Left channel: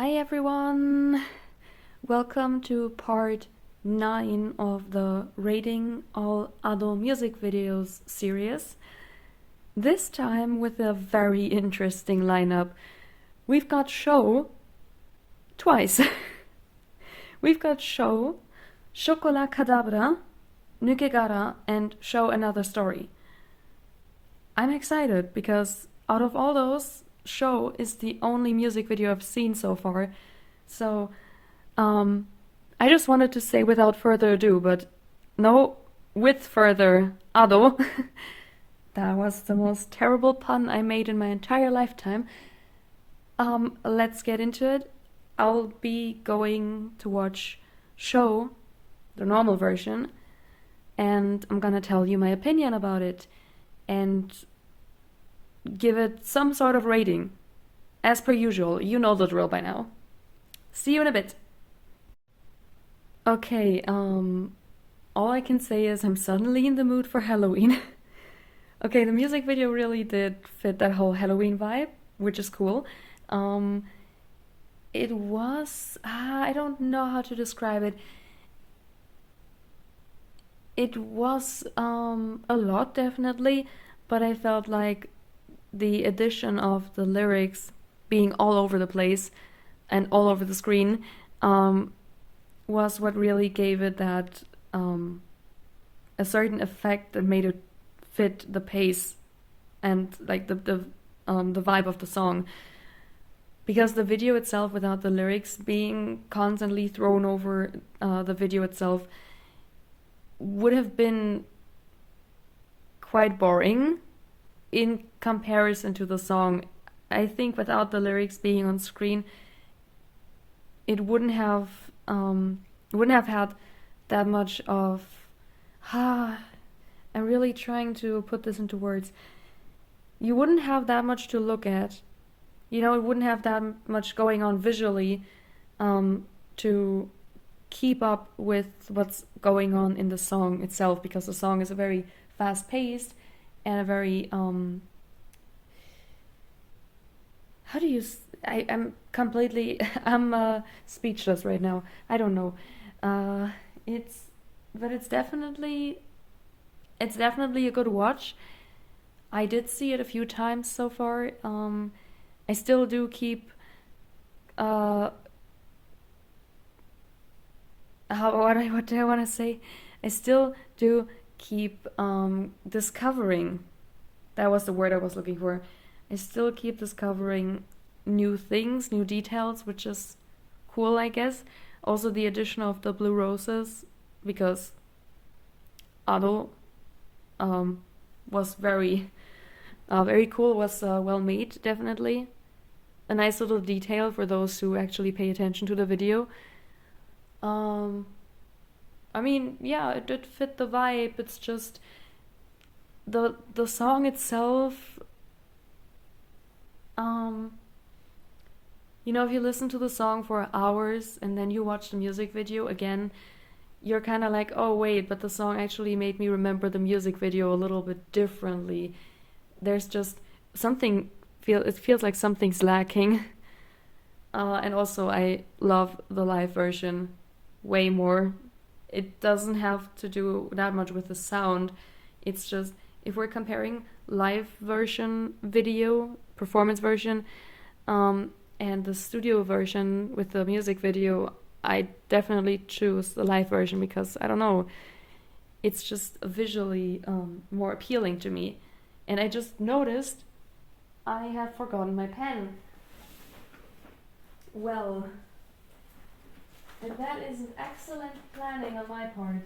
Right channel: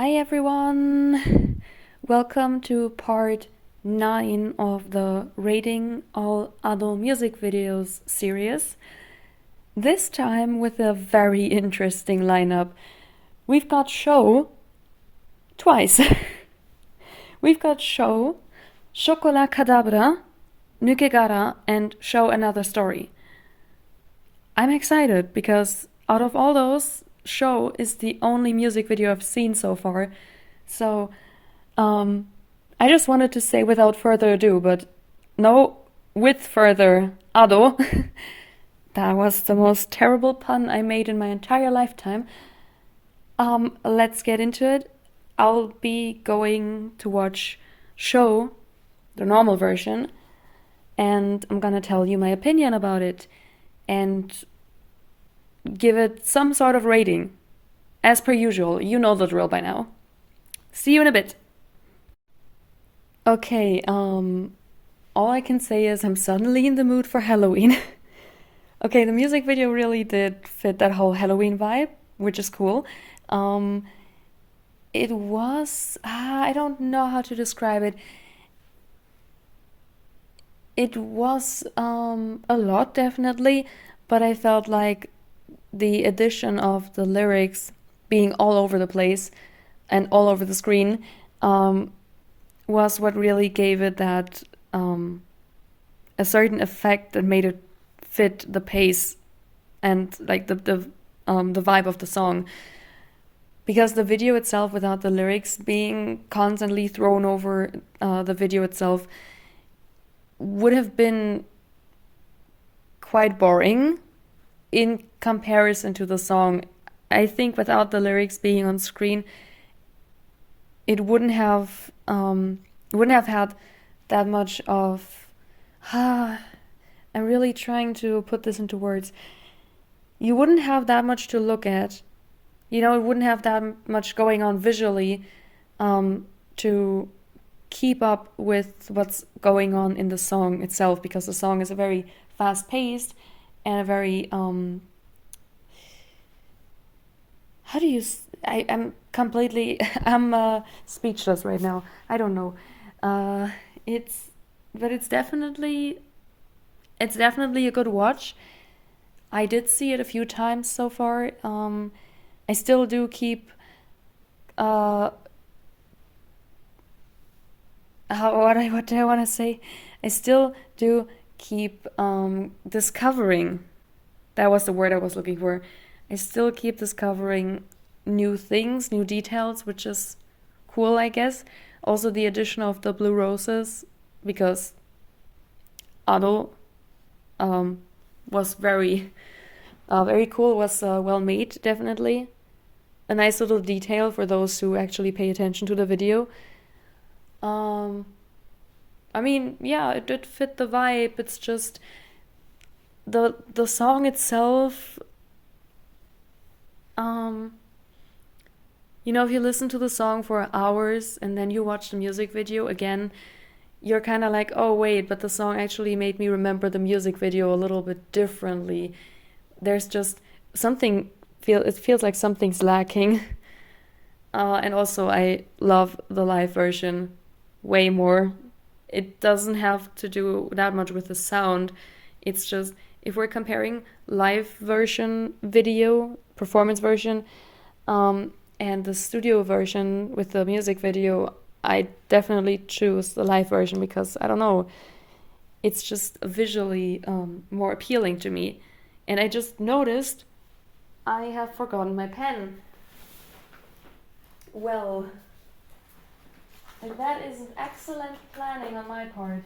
Hi everyone! Welcome to part 9 of the Rating All Ado Music Videos series. This time with a very interesting lineup. We've got Show twice. We've got Show, Chocolat Cadabra, Nukegara, and Show Another Story. I'm excited because out of all those, Show is the only music video I've seen so far. So, I just wanted to say without further ado, but no, with further ado, that was the most terrible pun I made in my entire lifetime. Let's get into it. I'll be going to watch Show, the normal version, and I'm gonna tell you my opinion about it and give it some sort of rating. As per usual, you know the drill by now. See you in a bit. Okay, all I can say is I'm suddenly in the mood for Halloween. Okay, the music video really did fit that whole Halloween vibe, which is cool. It was, I don't know how to describe it. It was a lot, definitely, but I felt like the addition of the lyrics being all over the place and all over the screen was what really gave it that a certain effect that made it fit the pace and like the vibe of the song. Because the video itself, without the lyrics being constantly thrown over the video itself, would have been quite boring in comparison to the song. I think without the lyrics being on screen, it wouldn't have had that much of. I'm really trying to put this into words. You wouldn't have that much to look at. You know, it wouldn't have that much going on visually to keep up with what's going on in the song itself, because the song is a very fast-paced and a very how do you I'm completely I'm speechless right now. I don't know. It's definitely a good watch. I did see it a few times so far. I still do keep what do I want to say? I still do keep discovering. That was the word I was looking for. I still keep discovering new things, new details, which is cool, I guess. Also, the addition of the blue roses, because Ado was very cool, was well made, definitely. A nice little detail for those who actually pay attention to the video. I mean, yeah, it did fit the vibe. It's just the song itself. You know, if you listen to the song for hours and then you watch the music video again, you're kind of like, oh wait, but the song actually made me remember the music video a little bit differently. There's just something it feels like something's lacking. And also, I love the live version way more. It doesn't have to do that much with the sound. It's just, if we're comparing live version video, performance version, and the studio version with the music video, I definitely choose the live version because, I don't know, it's just visually more appealing to me. And I just noticed I have forgotten my pen. Well, that is an excellent planning on my part.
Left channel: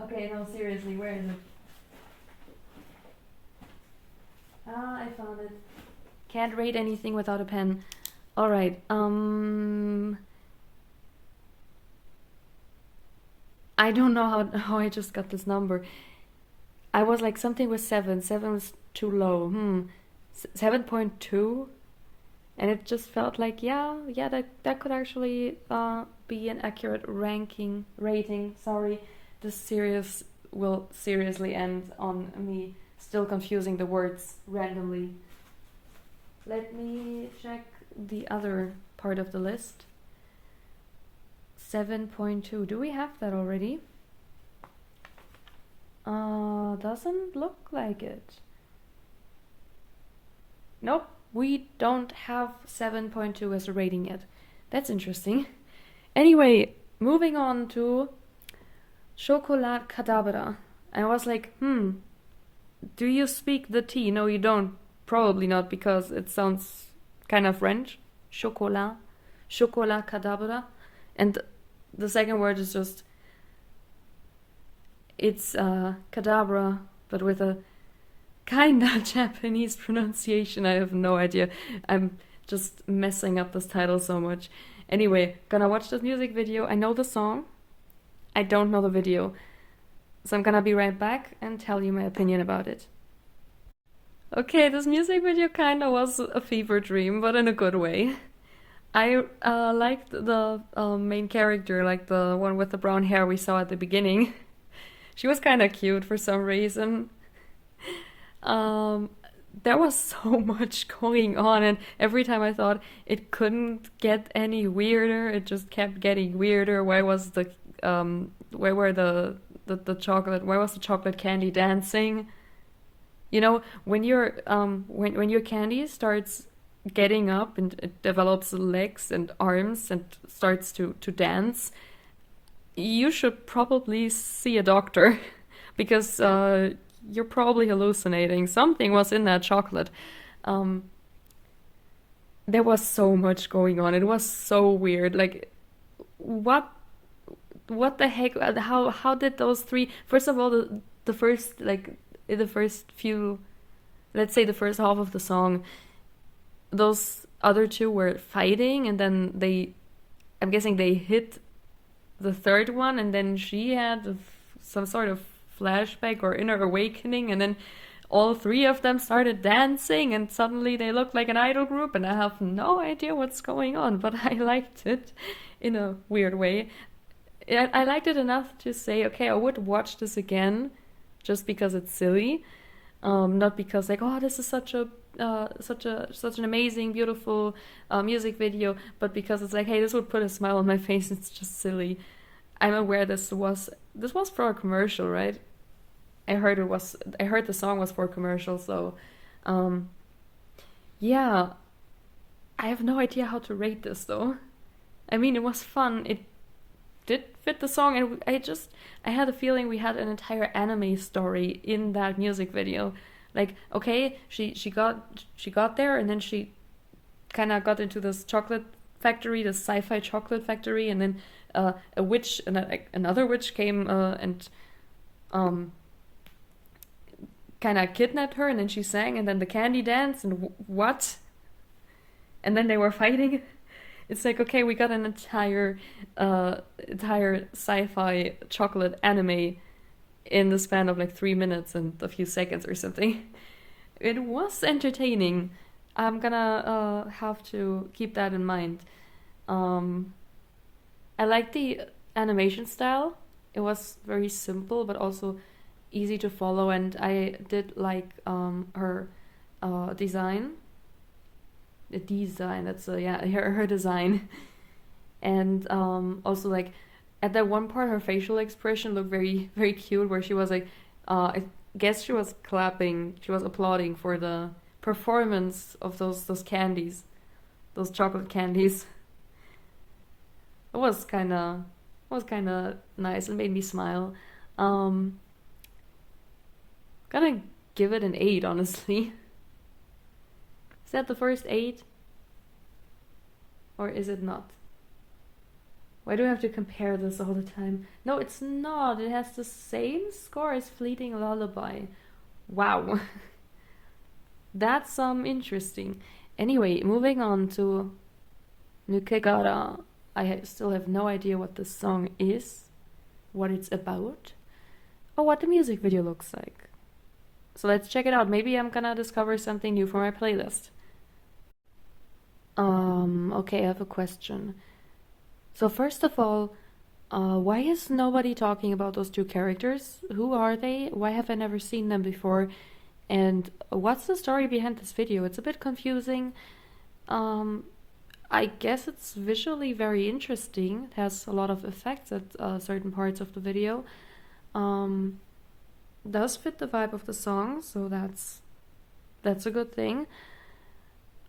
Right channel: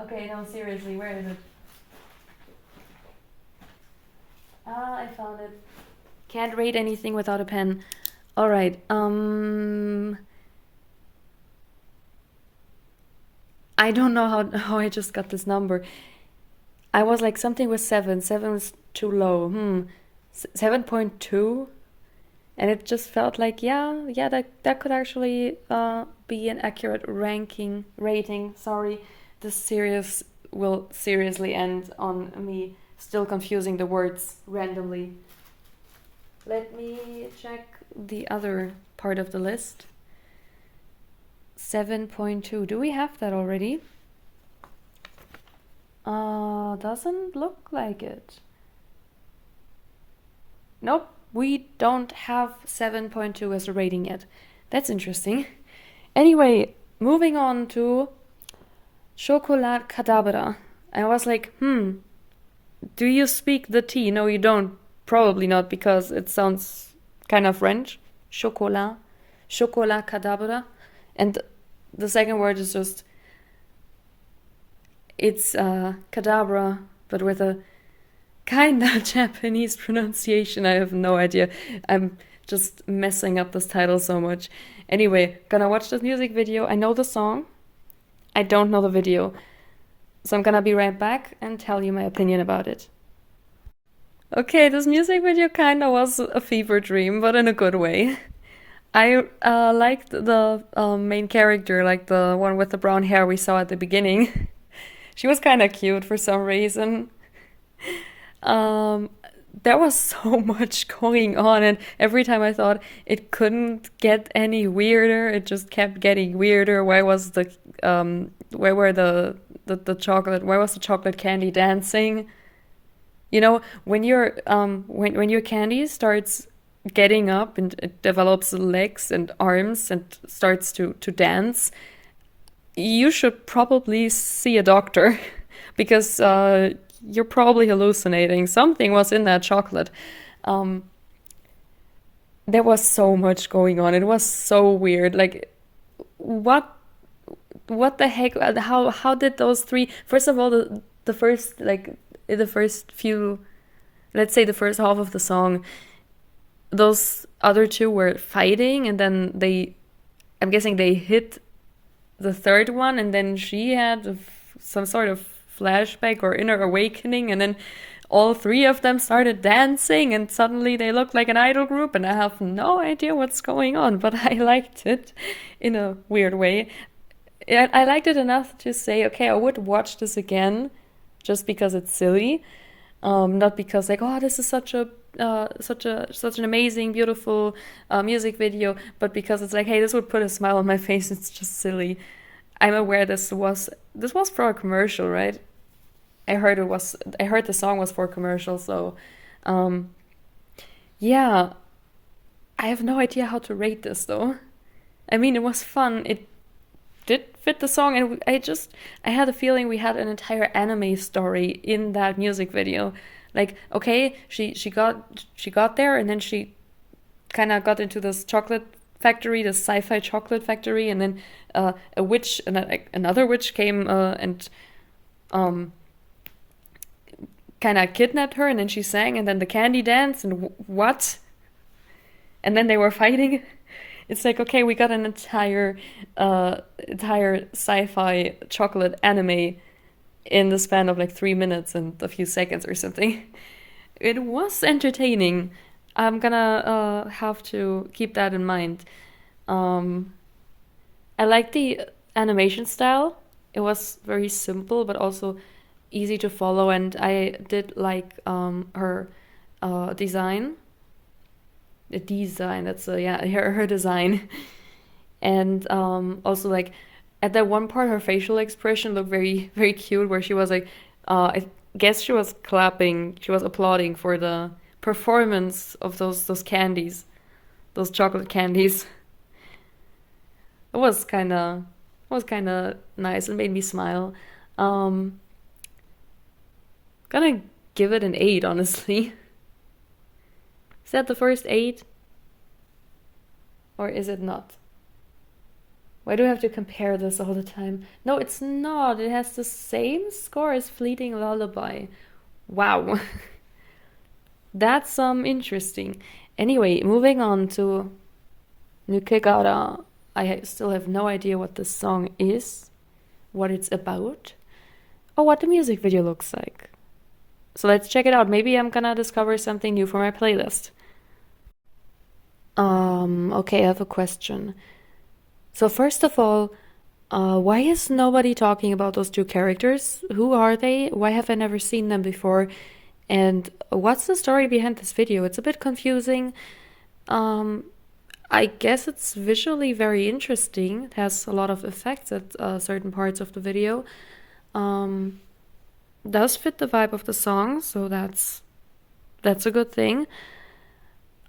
Okay, no, seriously, where is it? I found it. Can't rate anything without a pen. Alright, I don't know how I just got this number. I was like something with 7. 7 was too low. 7.2? And it just felt like, yeah, that could actually be an accurate rating. Sorry, this series will seriously end on me still confusing the words randomly. Let me check the other part of the list. 7.2. Do we have that already? Doesn't look like it. Nope, we don't have 7.2 as a rating yet. That's interesting. Anyway, moving on to Chocolate Cadabra. I was like, do you speak the T? No, you don't. Probably not, because it sounds kind of French. Chocolat. Chocolat Cadabra. And the second word is just, it's cadabra, but with a kind of Japanese pronunciation. I have no idea. I'm just messing up this title so much. Anyway, gonna watch this music video. I know the song. I don't know the video. So I'm gonna be right back and tell you my opinion about it. Okay, this music video kinda was a fever dream, but in a good way. I liked the main character, like the one with the brown hair we saw at the beginning. She was kind of cute for some reason. Um, there was so much going on, and every time I thought it couldn't get any weirder, it just kept getting weirder. Where were the chocolate? Where was the chocolate candy dancing? You know, when your candy starts getting up and it develops legs and arms and starts to dance, you should probably see a doctor because you're probably hallucinating. Something was in that chocolate. Um, there was so much going on. It was so weird. Like, what what the heck? How did those three? First of all, the first like the first few, let's say the first half of the song, those other two were fighting, and then I'm guessing they hit the third one, and then she had some sort of flashback or inner awakening, and then all three of them started dancing, and suddenly they looked like an idol group, and I have no idea what's going on, but I liked it in a weird way. I liked it enough to say, okay, I would watch this again just because it's silly, not because like, oh, this is such an amazing, beautiful music video, but because it's like, hey, this would put a smile on my face. It's just silly. I'm aware this was for a commercial, right? I heard the song was for a commercial, so um, yeah, I have no idea how to rate this though. I mean, it was fun. It did fit the song, and I had a feeling we had an entire anime story in that music video. Like, okay, she got there, and then she kind of got into this chocolate factory, this sci-fi chocolate factory, and then a witch, another witch came and um kind of kidnapped her, and then she sang, and then the candy dance, and what? And then they were fighting. It's like, okay, we got an entire sci-fi chocolate anime in the span of like 3 minutes and a few seconds or something. It was entertaining. I'm gonna have to keep that in mind. Um, I like the animation style. It was very simple, but also easy to follow, and I did like her design. The design, that's yeah, her design. And also like at that one part, her facial expression looked very very cute, where she was like, I guess she was clapping, she was applauding for the performance of those candies, those chocolate candies. It was kind of nice and made me smile. Um, Gonna give it an 8, honestly. Is that the first 8? Or is it not? Why do I have to compare this all the time? No, it's not. It has the same score as Fleeting Lullaby. Wow. That's interesting. Anyway, moving on to Nukegara. I still have no idea what this song is, what it's about, or what the music video looks like. So let's check it out. Maybe I'm gonna discover something new for my playlist. Okay, I have a question. So first of all, why is nobody talking about those two characters? Who are they? Why have I never seen them before? And what's the story behind this video? It's a bit confusing. I guess it's visually very interesting. It has a lot of effects at certain parts of the video. Does fit the vibe of the song, so that's a good thing.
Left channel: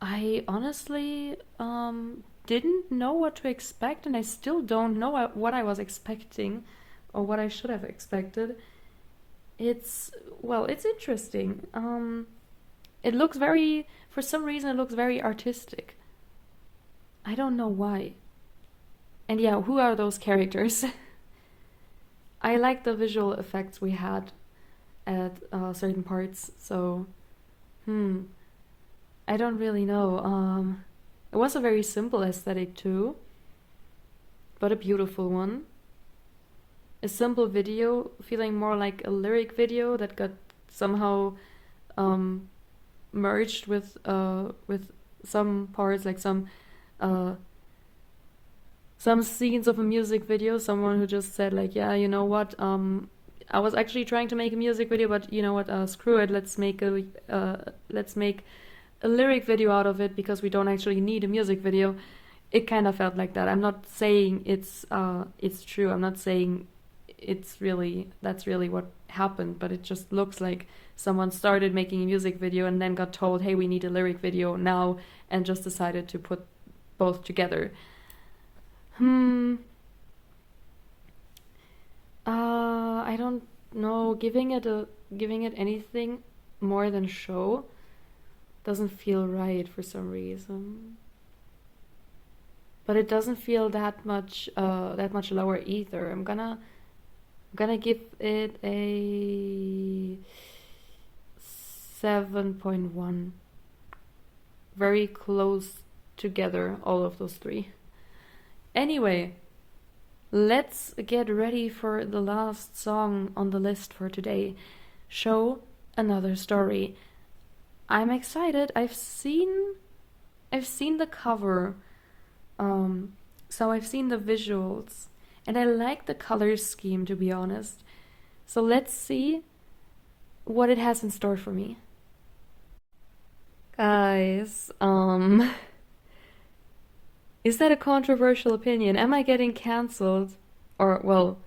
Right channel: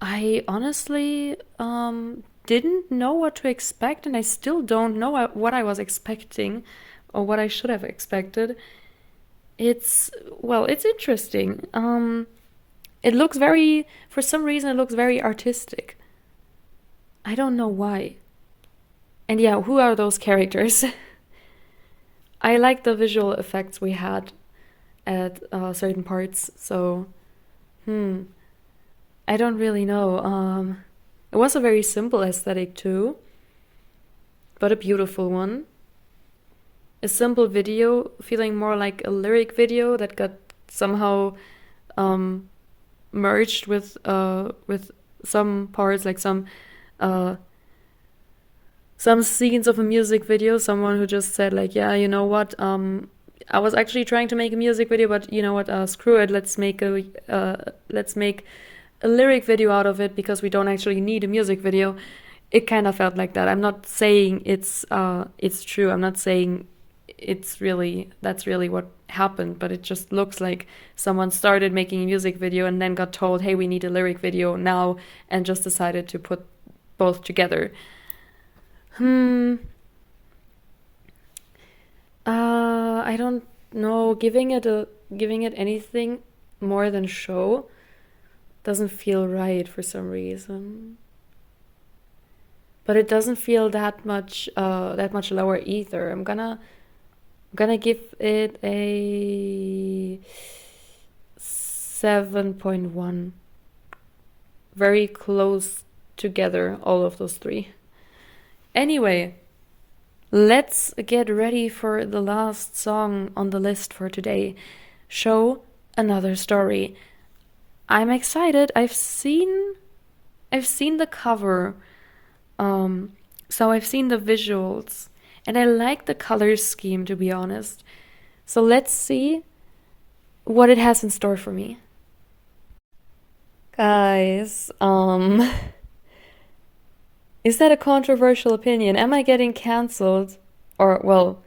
I honestly didn't know what to expect, and I still don't know what I was expecting or what I should have expected. It's interesting. It looks very, for some reason, it looks very artistic. I don't know why. And yeah, who are those characters? I like the visual effects we had at certain parts, so I don't really know. It was a very simple aesthetic too, but a beautiful one. A simple video, feeling more like a lyric video that got somehow merged with some parts, like some scenes of a music video. Someone who just said like, yeah, you know what? I was actually trying to make a music video, but you know what? Screw it. Let's make a lyric video out of it because we don't actually need a music video. It kind of felt like that. I'm not saying it's true. I'm not saying that's really what happened, but it just looks like someone started making a music video and then got told, hey, we need a lyric video now, and just decided to put both together. I don't know. Giving it anything more than show doesn't feel right for some reason. But it doesn't feel that much lower either. I'm gonna give it a 7.1. Very close together, all of those three. Anyway, let's get ready for the last song on the list for today. Show Another Story. I'm excited. I've seen the cover. So I've seen the visuals. And I like the color scheme, to be honest. So let's see what it has in store for me. Guys, is that a controversial opinion? Am I getting cancelled? Or, well,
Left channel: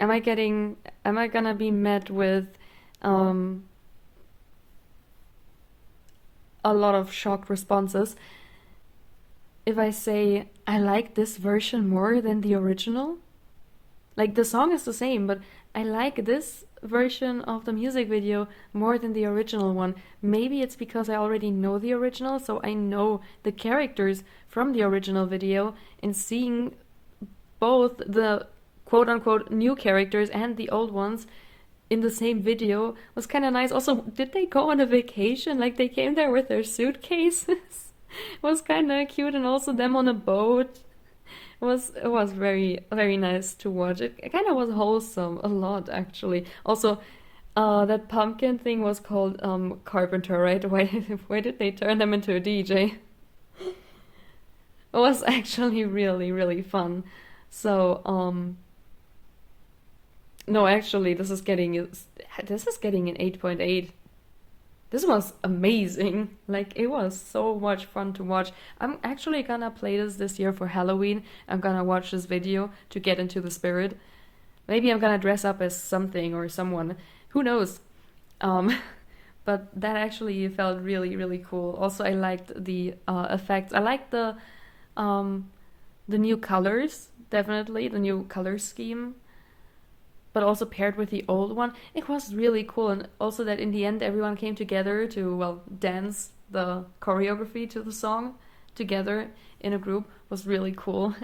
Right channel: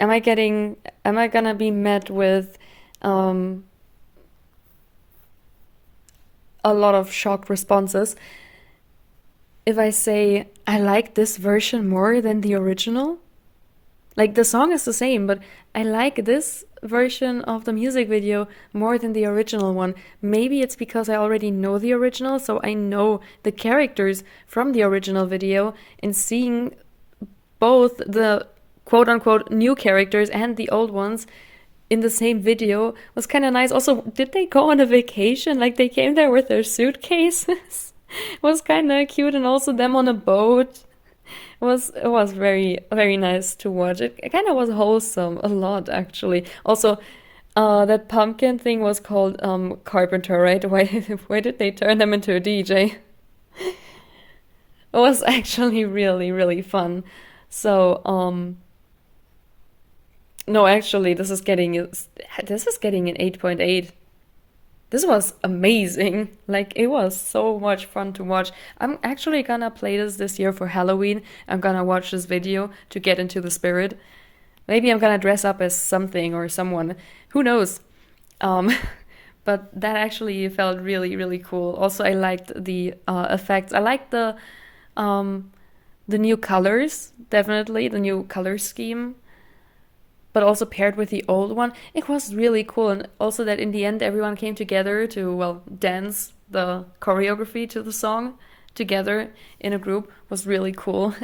am I gonna be met with a lot of shocked responses if I say I like this version more than the original? Like, the song is the same, but I like this version of the music video more than the original one. Maybe it's because I already know the original, so I know the characters from the original video, and seeing both the quote-unquote new characters and the old ones in the same video was kind of nice. Also, did they go on a vacation? Like, they came there with their suitcases? It was kind of cute, and also them on a boat. It was very, very nice to watch. It kind of was wholesome, a lot actually. Also, that pumpkin thing was called Carpenter, right? Why did they turn them into a DJ? It was actually really, really fun. So, no, actually, this is getting an 8.8. This was amazing. Like, it was so much fun to watch. I'm actually gonna play this year for Halloween. I'm gonna watch this video to get into the spirit. Maybe I'm gonna dress up as something or someone. Who knows? But that actually felt really, really cool. Also, I liked the effects. I liked the new colors, definitely, the new color scheme. But also paired with the old one, it was really cool. And also that in the end, everyone came together to, well, dance the choreography to the song together in a group was really cool.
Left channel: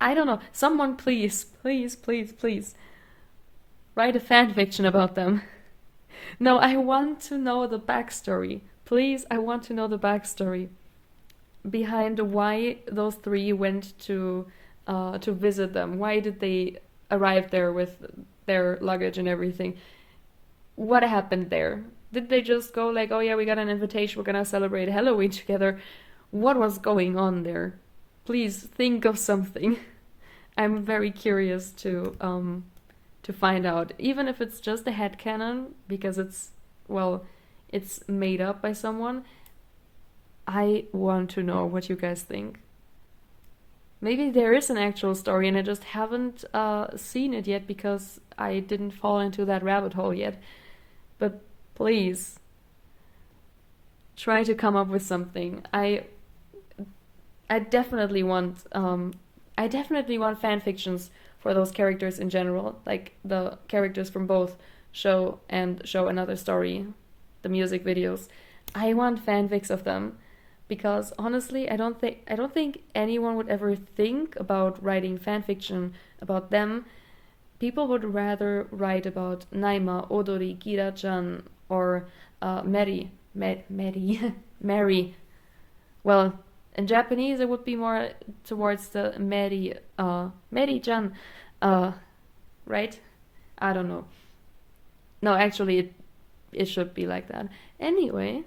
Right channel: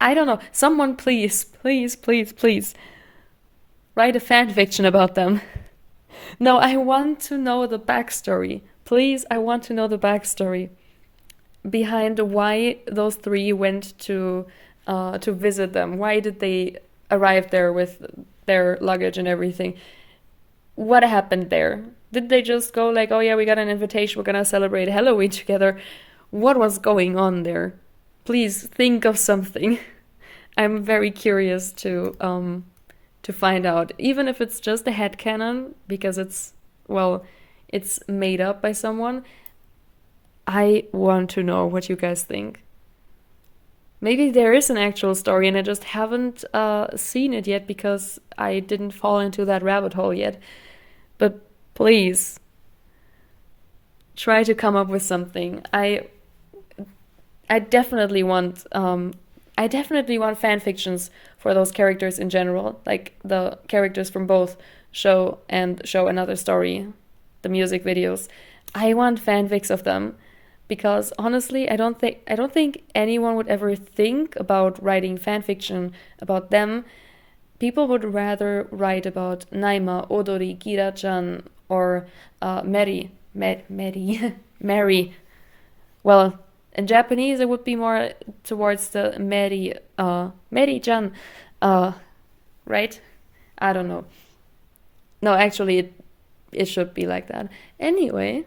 I don't know. Someone please, please, please, please write a fan fiction about them. No, I want to know the backstory. Please, I want to know the backstory behind why those three went to visit them. Why did they arrive there with their luggage and everything? What happened there? Did they just go like, oh yeah, we got an invitation, we're gonna celebrate Halloween together? What was going on there? Please think of something. I'm very curious to to find out, even if it's just a headcanon, because it's made up by someone. I want to know what you guys think. Maybe there is an actual story and I just haven't seen it yet because I didn't fall into that rabbit hole yet. But please, try to come up with something. I definitely want fan fictions for those characters in general, like the characters from both show and Show Another Story, the music videos. I want fanfics of them because honestly, I don't think anyone would ever think about writing fan fiction about them. People would rather write about Naima, Odori, Kira-chan, or Mary. Mary. Well, in Japanese, it would be more towards the Mary-chan, right? I don't know. No, actually, it should be like that. Anyway,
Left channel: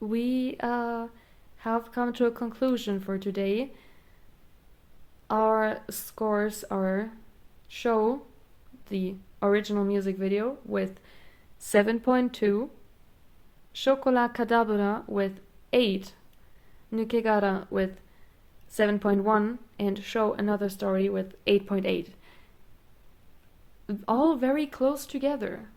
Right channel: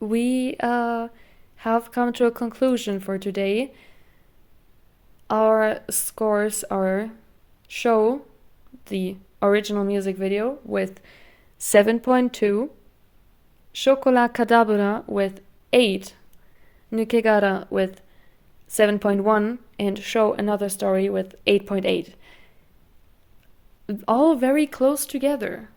we have come to a conclusion for today. Our scores are Show, the original music video, with 7.2, Chocolat Kadabra with 8, Nukegara with 7.1, and Show Another Story with 8.8. All very close together.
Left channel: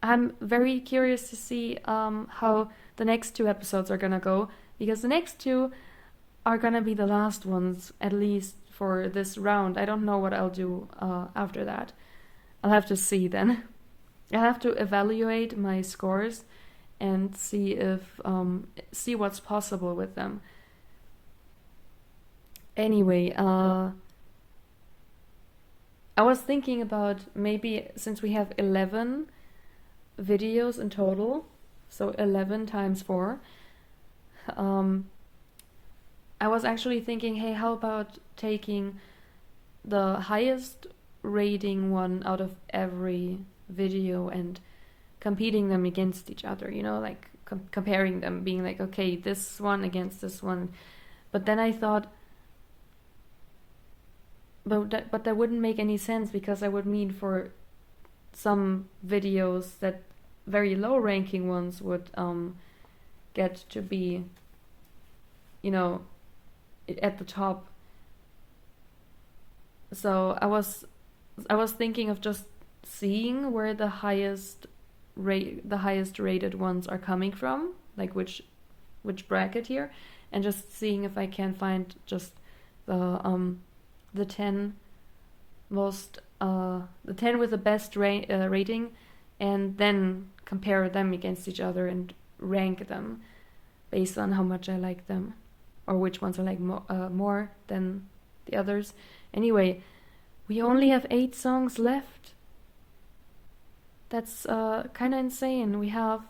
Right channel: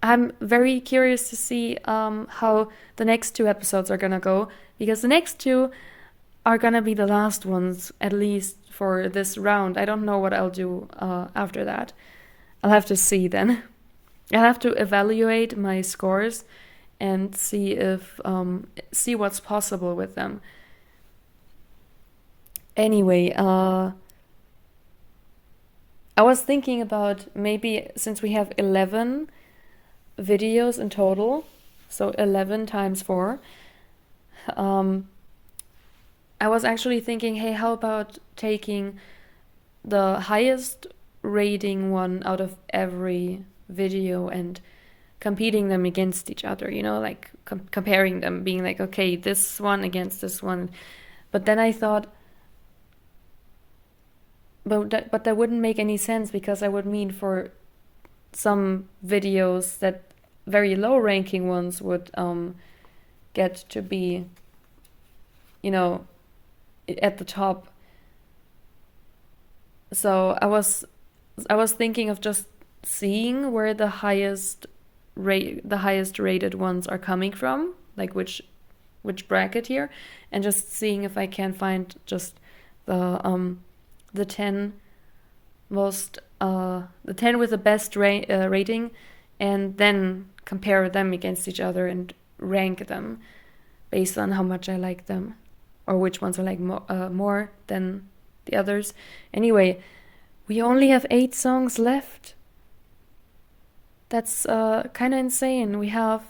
I'm very curious to see how the next two episodes are gonna go, because the next two are gonna be the last ones, at least for this round. I don't know what I'll do after that. I'll have to see then. I'll have to evaluate my scores and see what's possible with them. Anyway, I was thinking about maybe, since we have 11 videos in total, so 11 times 4, I was actually thinking, hey, how about taking the highest rating one out of every video and competing them against each other, like comparing them, being like, okay, this one against this one. But then I thought, but that wouldn't make any sense, because I would mean for some videos that very low ranking ones would get to be, at the top. So I was thinking of just seeing where the highest rated ones are coming from, like which bracket here, and just seeing if I can find just the 10 most the 10 with the best rating, and then compare them against each other and rank them based on how much I like them, or which ones I like more than the others. Anyway, we only have 8 songs left. That's kind of insane. We have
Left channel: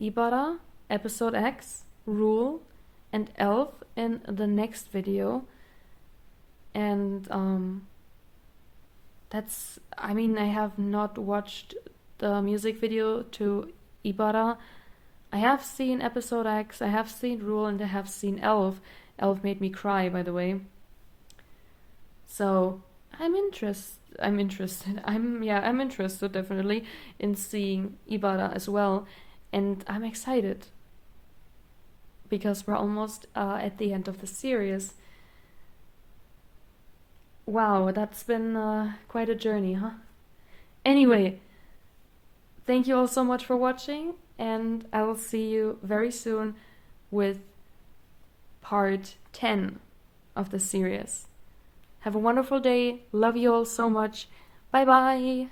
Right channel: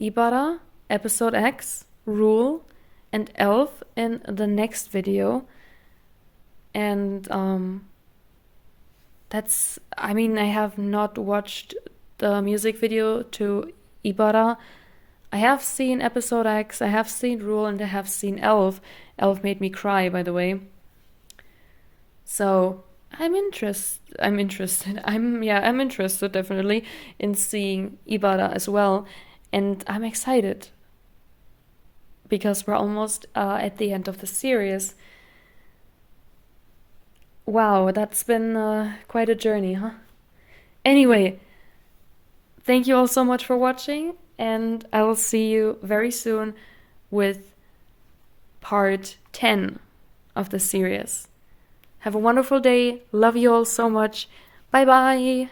Ibara, Episode X, Rule, and Elf in the next video. And I have not watched the music video to Ibara. I have seen Episode X, I have seen Rule, and I have seen Elf. Elf made me cry, by the way. So I'm interested. I'm interested definitely in seeing Ibara as well, and I'm excited because we're almost at the end of the series. Wow, that's been quite a journey, huh? Anyway, thank you all so much for watching, and I will see you very soon with part 10 of the series. Have a wonderful day. Love you all so much. Bye bye.